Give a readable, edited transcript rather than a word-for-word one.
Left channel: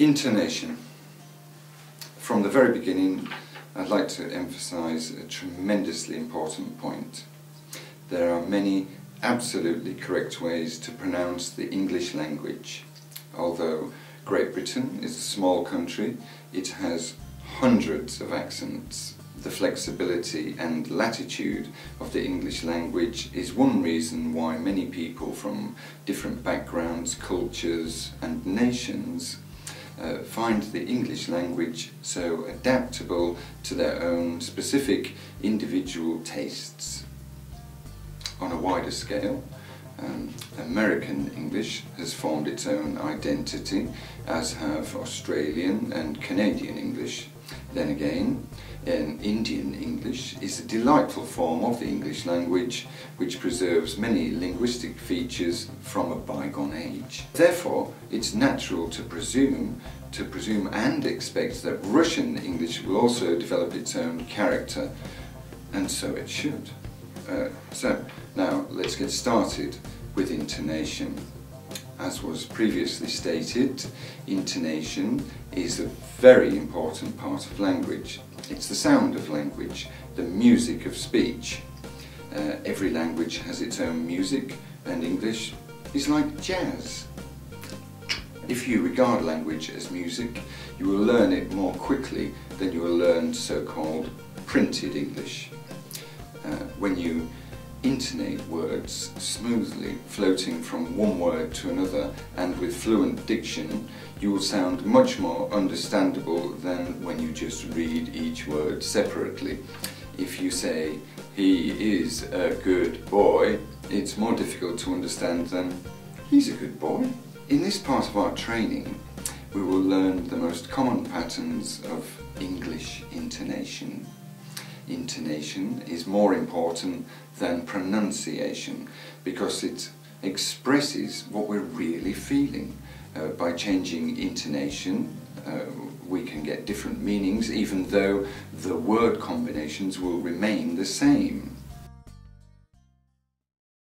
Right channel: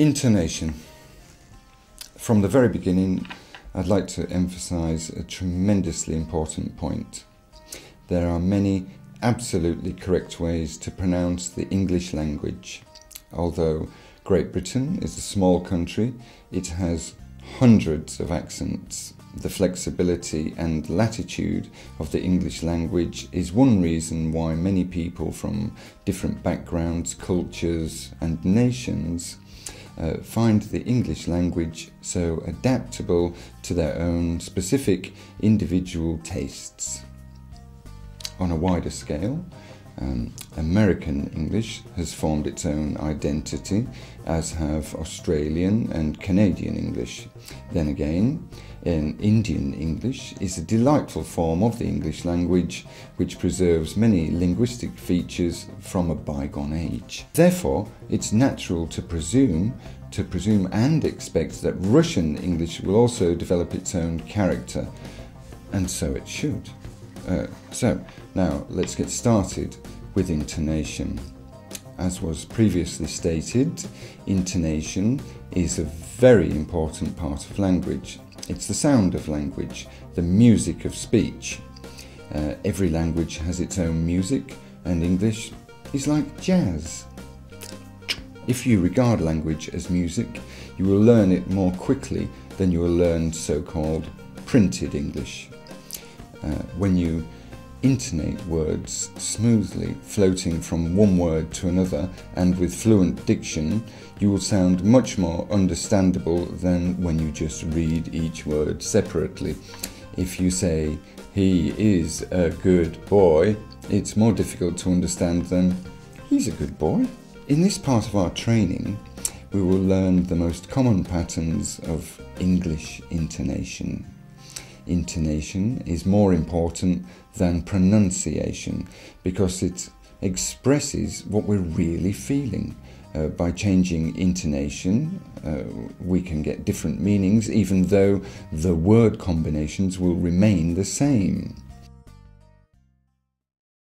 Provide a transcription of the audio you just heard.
Intonation. From the very beginning, I'd like to emphasise a tremendously important point. There are many absolutely correct ways to pronounce the English language. Although Great Britain is a small country, it has hundreds of accents. The flexibility and latitude of the English language is one reason why many people from different backgrounds, cultures and nations find the English language so adaptable to their own specific individual tastes. On a wider scale, American English has formed its own identity, as have Australian and Canadian English. Then again, Indian English is a delightful form of the English language which preserves many linguistic features from a bygone age. Therefore, it's natural to presume and expect that Russian English will also develop its own character, and so it should. So, now let's get started with intonation. As was previously stated, intonation is a very important part of language. It's the sound of language, the music of speech. Every language has its own music, and English is like jazz. If you regard language as music, you will learn it more quickly than you will learn so-called printed English. When you intonate words smoothly, floating from one word to another and with fluent diction, you will sound much more understandable than when you just read each word separately. If you say, "He is a good boy," it's more difficult to understand than, "He's a good boy." In this part of our training, we will learn the most common patterns of English intonation. Intonation is more important than pronunciation because it expresses what we're really feeling. By changing intonation, we can get different meanings even though the word combinations will remain the same.